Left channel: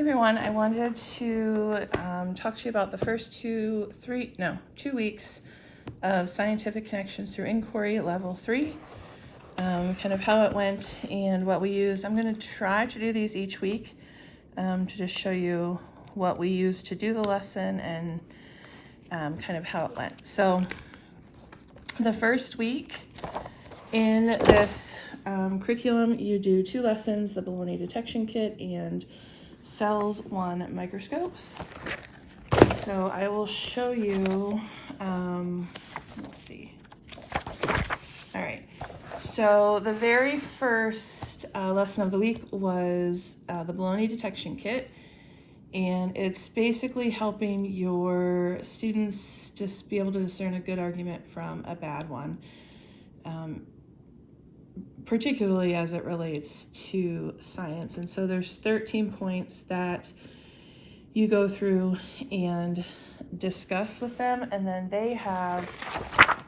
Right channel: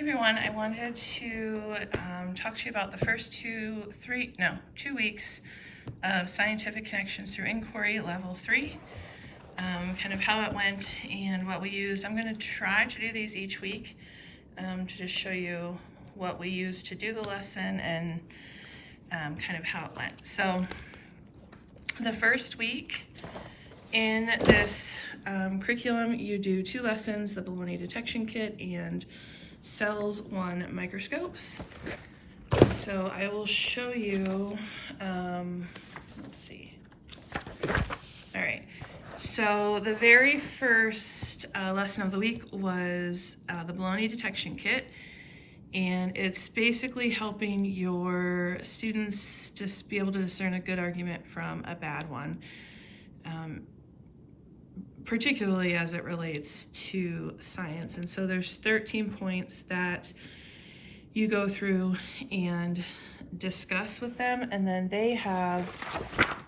Hey everyone, I wanted to talk to you about the first 2 weeks of Scientific Connections Through Inquiry Level 3, kind of how it went and what we used. I'm going to try to do these each week to just show you what we used to do the lesson and kind of how it went. So the first week in this curriculum, you do 2 lessons, the bologna detection kit and cells 1 microscopes. So I will show you, let's see. All right, so the very first lesson of the week was the bologna detection kit, and it's basically helping your students just be able to discern a good argument from a bad one. Particularly as it relates to science. And so there's 13 points that you go through and discuss with them, and then they have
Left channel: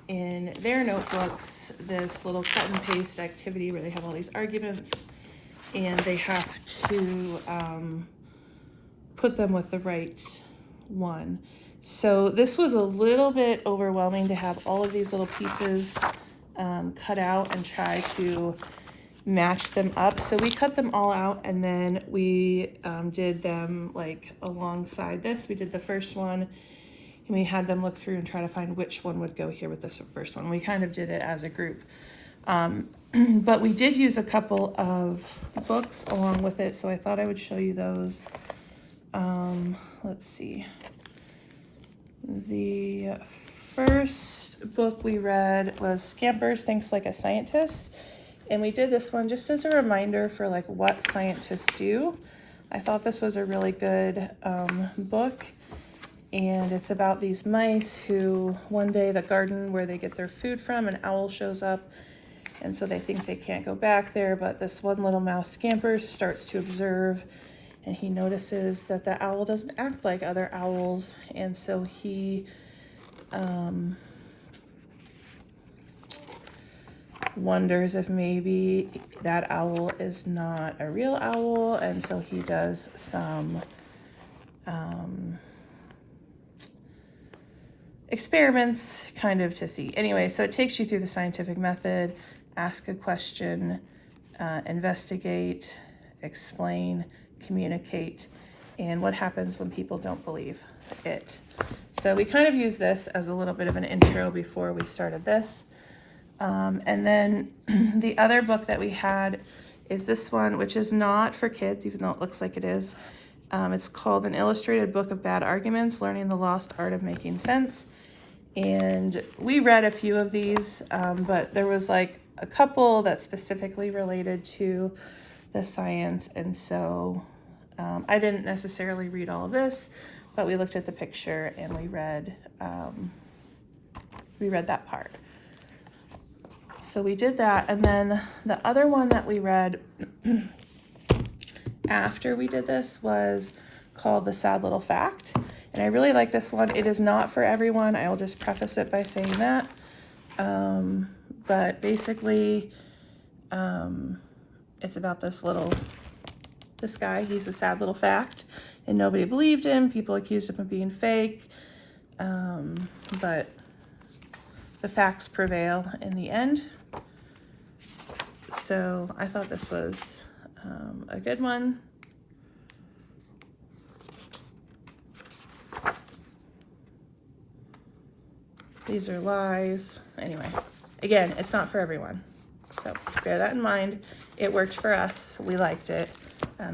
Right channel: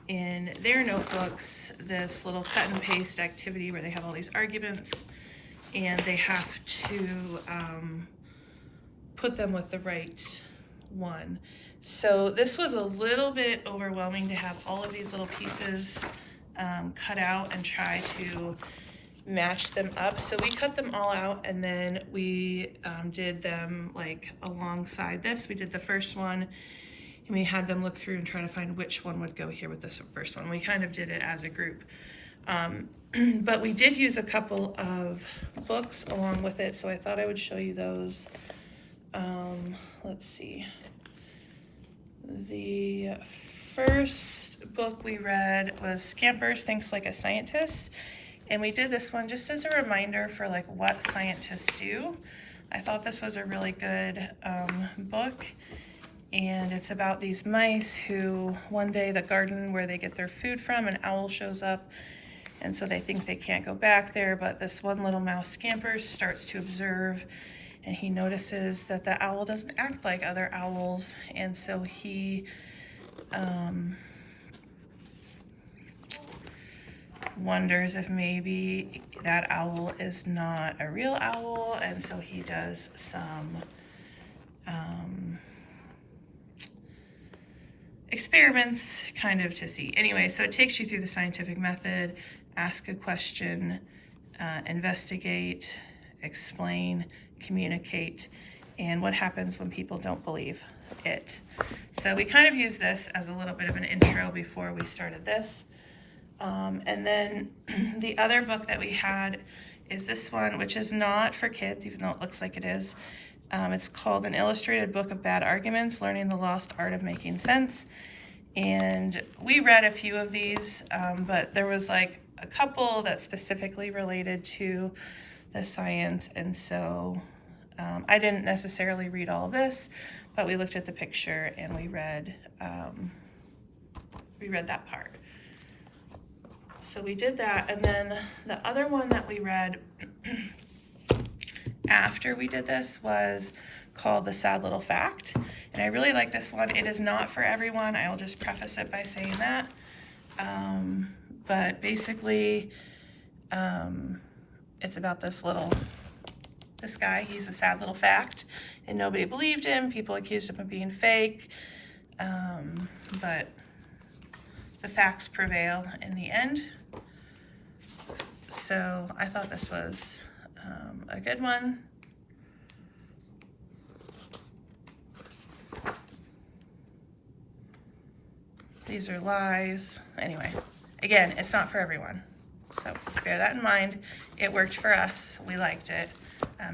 in their notebooks this little cut and paste activity where they have all these arguments and they have to put them with the right one. So this was a little bit overwhelming to have all of these little pieces cut out and try to match them up. So we cut them all out, and then we did them like alongside this. We did the first one and we had them look through and try to find which one would go here with this first one. We kind of did it as a group. But we did use a couple of books along with it, so I thought I would show you those. Let's see. The first book we read was Scampers Thinks Like a Scientist, and we did this one just as a reminder for like what scientists do. I thought this was a really good book, and it's about these mice who one day the garden where they get their food from, an owl shows up, and so they think they can't go back there, but this one little mouse Scampers starts to observe, and he notices that the owl doesn't act like other owls, and so he wonders if maybe that owl is not a real owl, and so he does some experiments kind of to see. Anyway, so it takes you through the scientific method, ask a question, investigate, explain, communicate, and what happens when people don't believe it. So we kind of use this as a little bit of an intro before we started this. And then the other book that we had is this one, which is not for kids, even though it looks like it is. It's called An Illustrated Book of Bad Arguments, Learning the Lost Art of Making Sense. And we read a few of these, but there was like a couple that specifically related to the science. And so I didn't necessarily read all this, but we looked at the picture and we read that part. So we did that, and then the other one that we read after we did this was called The Sad Little Fact, and I really like this one. It is not for everyone. I will just preface it by saying that. But basically, it's about this guy. He's a sad little fact, and nobody believed him. People accused him of being fake, but the facts prevail in the end. So I thought this was a good one. These are lies. Anyway, again, it's not for everyone. So bear that in mind. It worked for us. We liked it.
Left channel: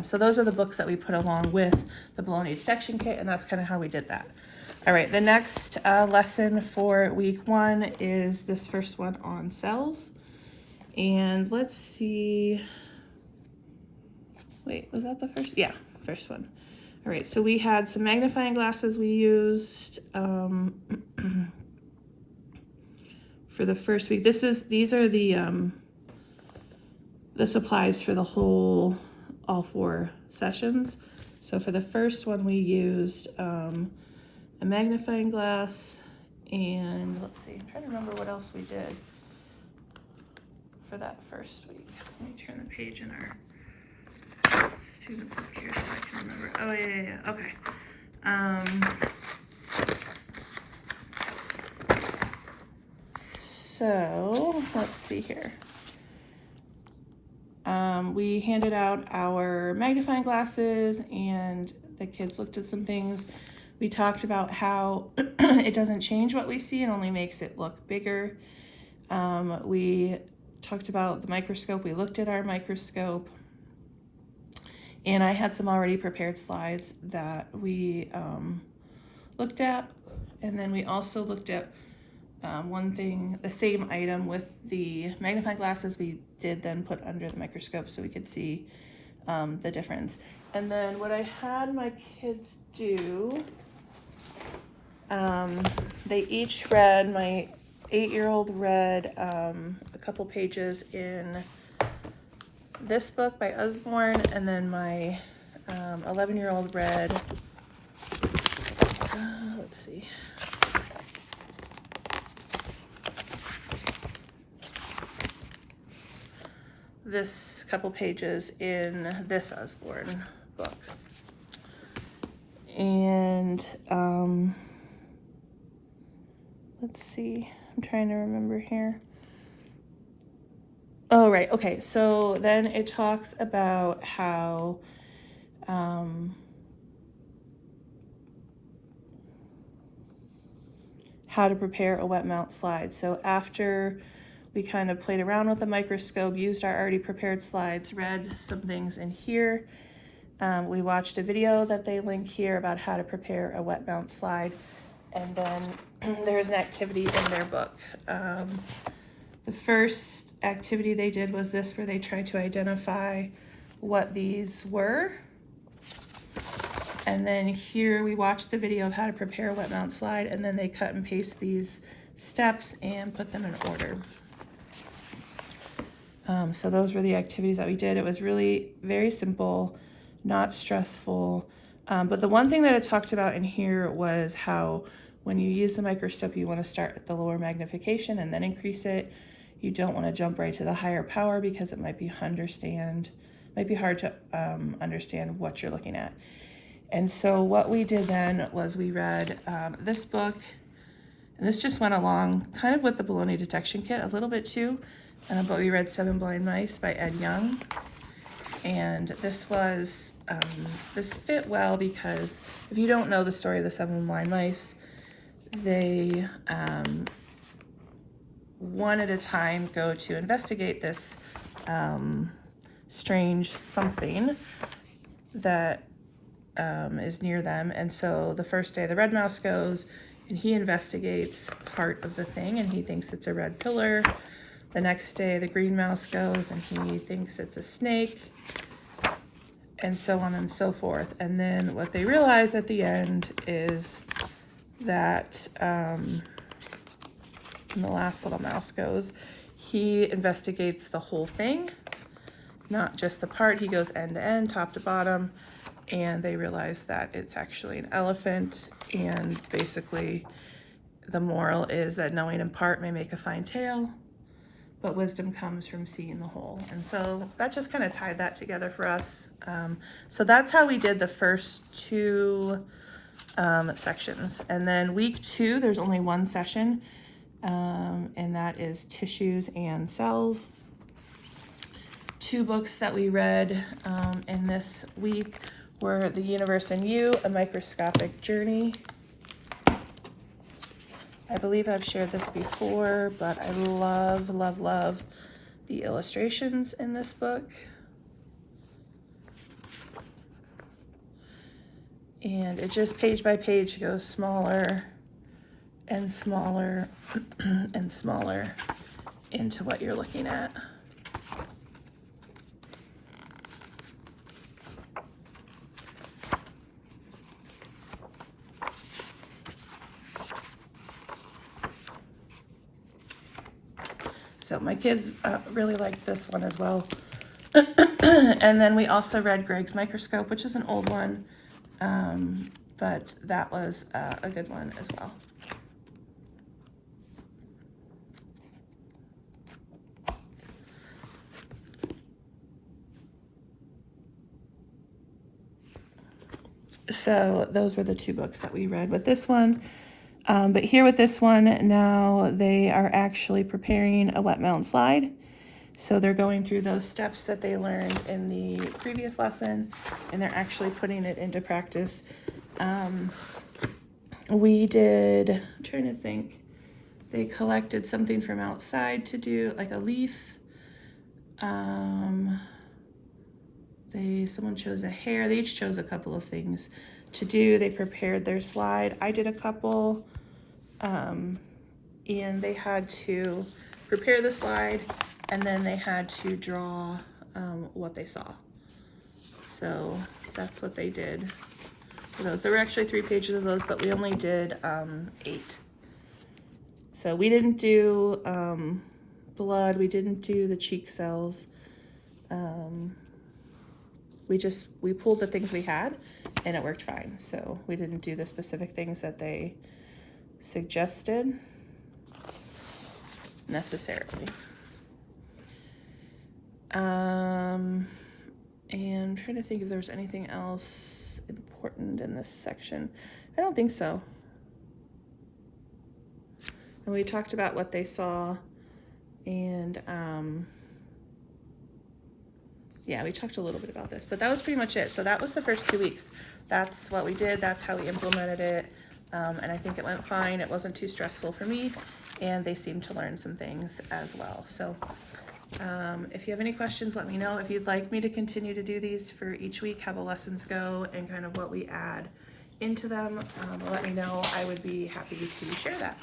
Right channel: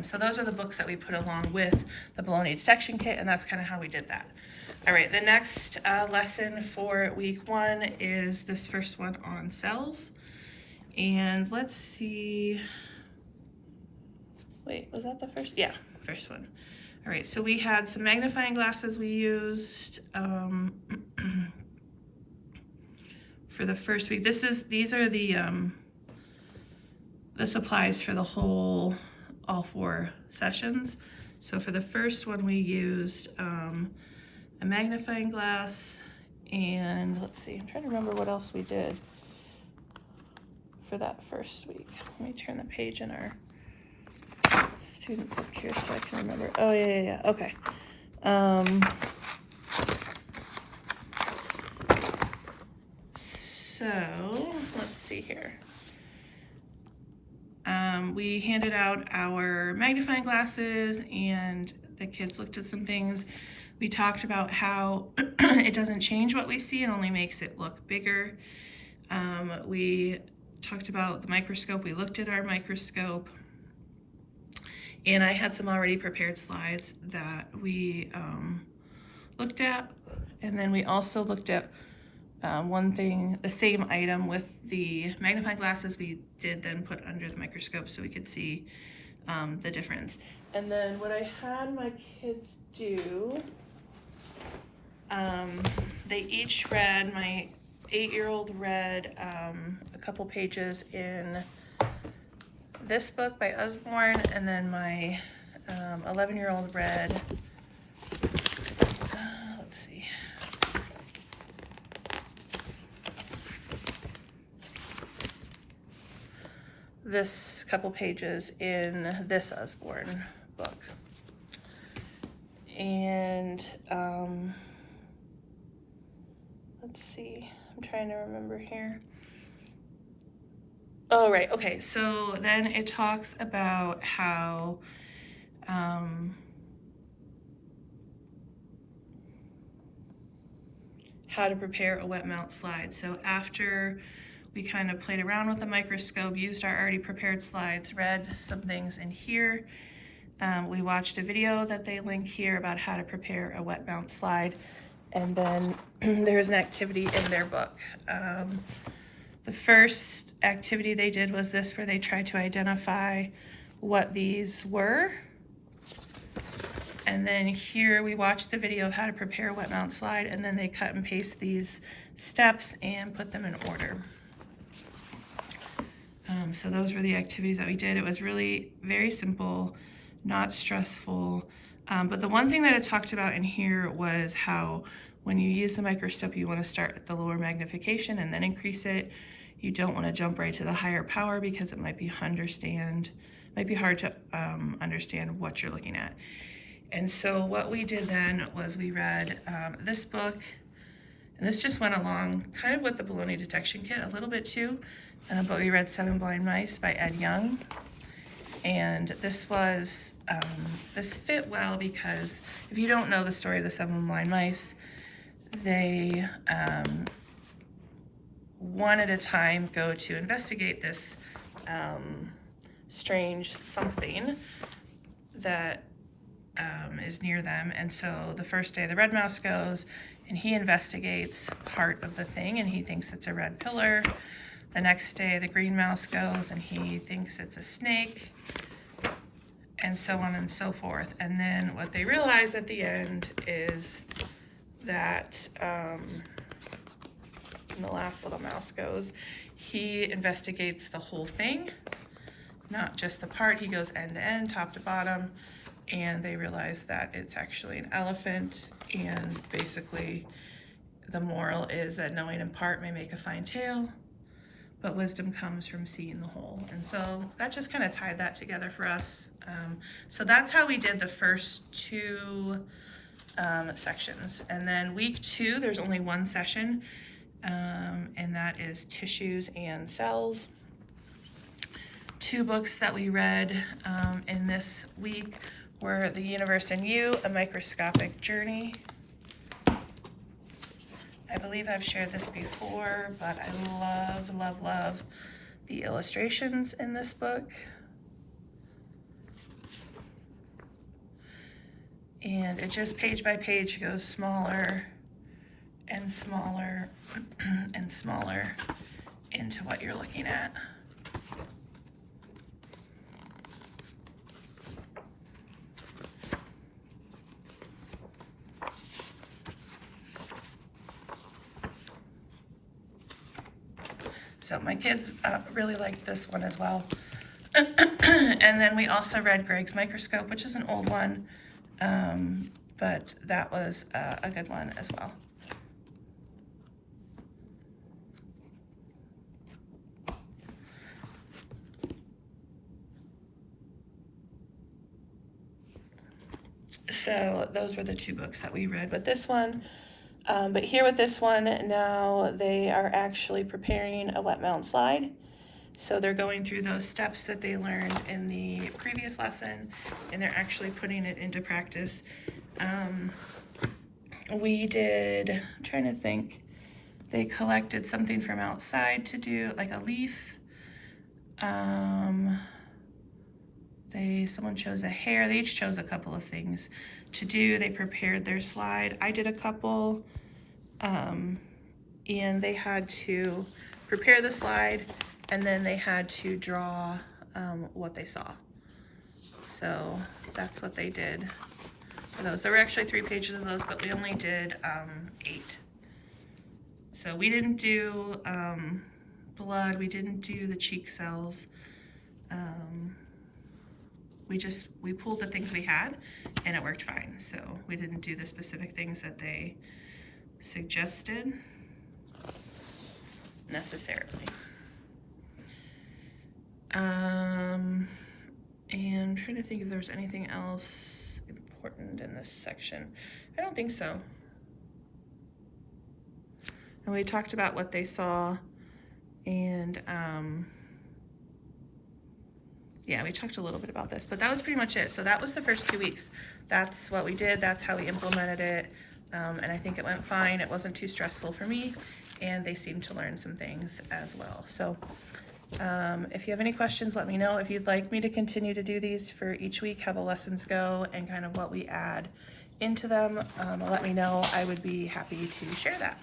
So those are the books that we put along with the bologna detection kit, and that's kind of how we did that. All right, the next lesson for week 1 is this first one on cells. And let's see, wait, was that the first? Yeah, first one. All right, so we had some magnifying glasses we used for the first week. This applies for the whole, all 4 sessions. So for the first one, we used a magnifying glass, and let's see, I'm trying to remember what else we did for that first week. Let me turn the page in our student book here so I can remember. Oh, yeah. Okay. So let's see here. We handed out our magnifying glasses and the kids looked at some things. We talked about how it doesn't change what we see, it only makes it look bigger. We talked about the microscope. We looked at our microscope, and I had some already prepared slides that we looked at. And then we also looked at one thing, the same item with the magnifying glasses we did then put under the microscope so we could see the difference. And then what I had my kids do, they each read, my 8-year-old read a couple pages in this book by Usborne, and then my 11-year-old read, let's see, this couple pages in this Usborne book. And let's see, I'm trying to remember here. Oh, right, okay, so then it talks about how to prepare a wet mount slide. So after we kind of played around with the microscope, used our already prepared slides, read some things in here. We watched a video that they link here about how to prepare a wet mount slide. And then there's an activity in their book. The first activity they did was this, where they tried to identify what these were. And then here we watched the video of how to prepare a wet mount slide, and then they cut and paste these steps and put them in order. So those were the activities that we did. It was really very simple, not stressful. But the one thing that it talked about in here was how when you use the microscope, you want to start at the lower magnification and then increase it. You don't want to jump right to the higher power because it might be hard to understand what you're looking at. And so what we did then was we read this book, and this just went along kind of with the bologna detection kit a little bit too, but we read 7 Blind Mice by Ed Young. And this was, this fit well because if you don't know the story of the 7 Blind Mice, they one at a time go to investigate this strange something that is near them. And so the first day the red mouse goes and he investigates part of the thing and he thinks it's a red pillar. The next day the green mouse goes and he thinks it's a snake, and so on and so forth. And then what they realize at the end is that and the last little mouse goes, he investigates the whole thing, not just the part. He goes end to end, top to bottom, and they realize that it's actually an elephant. And basically the moral is that knowing in part may make a fine tale, but wisdom comes from seeing the whole. And so that just kind of tied that together for us. So that's how we did the first 2 sections. And then week 2, there's only 1 session, and that is tissues and cells. 2 books that we read in this week were The Universe in You, A Microscopic Journey. I believe I've shared this before, but I love, love, love the illustrations in this book. And it just page by page goes smaller and smaller and smaller into what you're looking at. So my kids really liked this one as well. And then we also read Greg's Microscope, which is an old one, but that was a good one as well. So those were the two books that we read with this one. But here with this one, now they are actually preparing a wet mountain slide. So they're going through those steps that they learned in the previous lesson, and they're actually putting it into practice. We did, I'm trying to think, they collected something from outside to do, like a leaf. Someone chose a hair. They each chose a couple of things to do. They prepared their slide. I did a couple, and they had to prepare the slide, and then they had to draw what they saw. So that's what they did for those. There were actually 3 pages of those, but we only did 8. So we didn't do blood. We didn't do the cheek cells. We pulled the things we had, and it worked fine. So we didn't do the specific things that they suggested necessarily. And I'm trying to think if there's anything else important in this section. I don't think so. And we talked about what they saw, and yeah, we talked a little bit about this, but that was pretty much it. So that was the first 2 weeks. That's what we did. That's how we implemented it. And I think it went fine. It wasn't too stressful for me, and they seemed to learn some things as well. So if you have any questions, let me know. If you'd like me to continue to do these for each week, how the lessons go and kind of what we add into them, let me know. I would be happy to share that.